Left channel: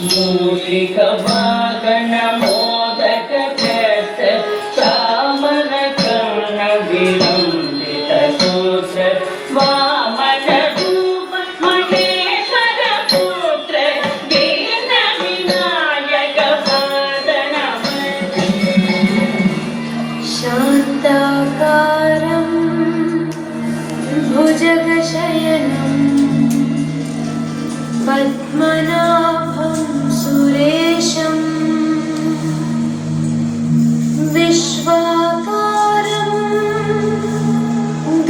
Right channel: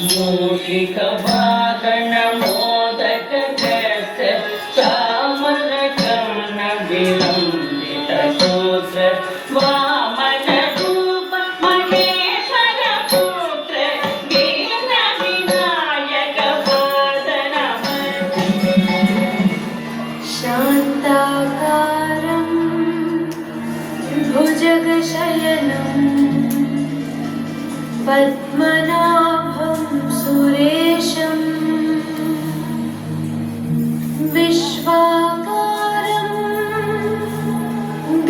ಮೂಷಿಕ ವಾಹನ ಮೋದಕ ಕಷ್ಟ ಚಾಮನ ಕರ್ಣ ವಿಲಂಬಿತ ಸೂತ್ರ ವಾಮನ ರೂಪ ಮಹೇಶ್ವರ ಪುತ್ರ ದೀನ ವಿನಾಯಕ ಪಾದನ ಶಾಂತಾಕಾರಂ ಭುಜಗಶಯನಂ पद्मनाभं सुरेशं विश्वाकारं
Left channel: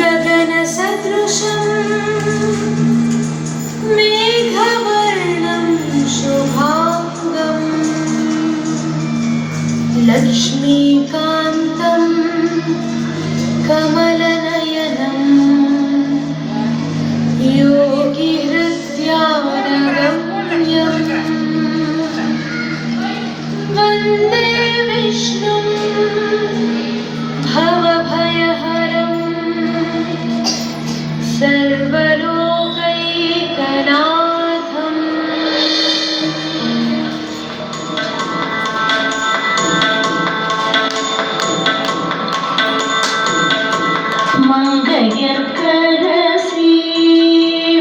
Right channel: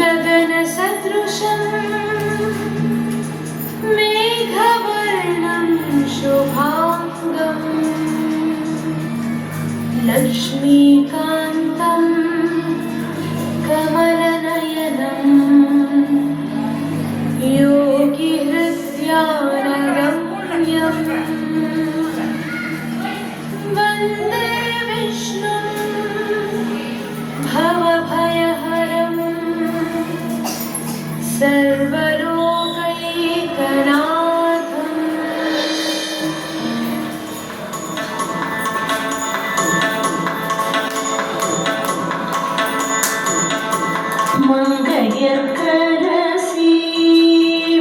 गगनसदृशं मेघवर्णं शुभांगं लक्ष्मीकान्तं कमलनयनं योगिहृद्यानगम्यं वन्दे विष्णुं भवभयहरं सर्वलोकैकनाथम् மங்கையர்க்கரசி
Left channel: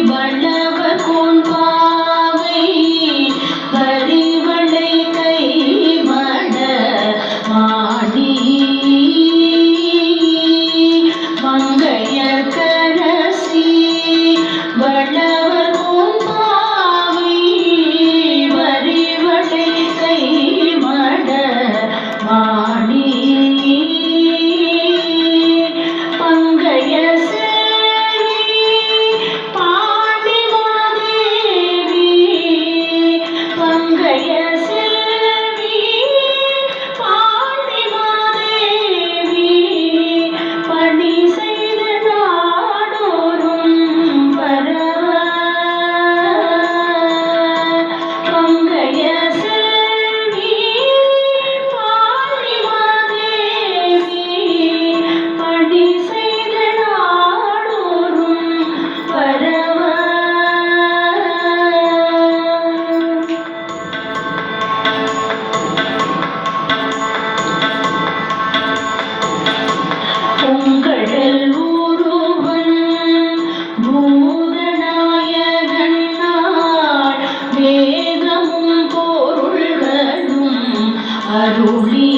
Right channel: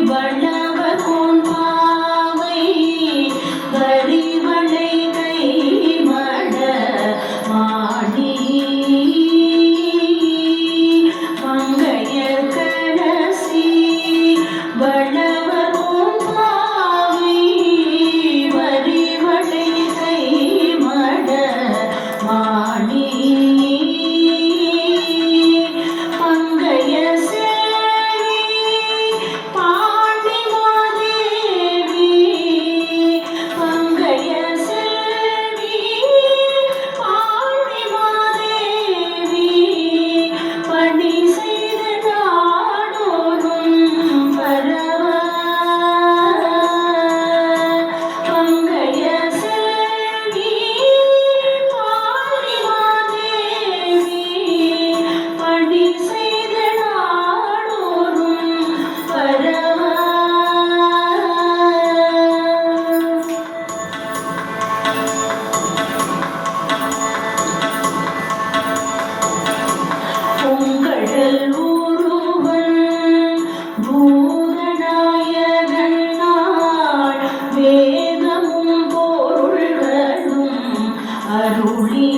வளவ கொன்பாவை வரிவளை கை மட மாடி மங்கையர்க்கரசி வளவ கொன்பாவை வரிவளை கை மட மாடி பங்கைய சேரி பாண்டிமாதேவி பங்கைய சேரி பாண்டிமாதேவி பணி செய்த நாடோறும் பரவ பங்கைய சேரி பாண்டிமாதேவி பணி செய்த நாடோறும் பரவ பூங்கடல் ஊருவன் பூதநாயகன் நாள் வேதமும் பொருள்களும் அருளி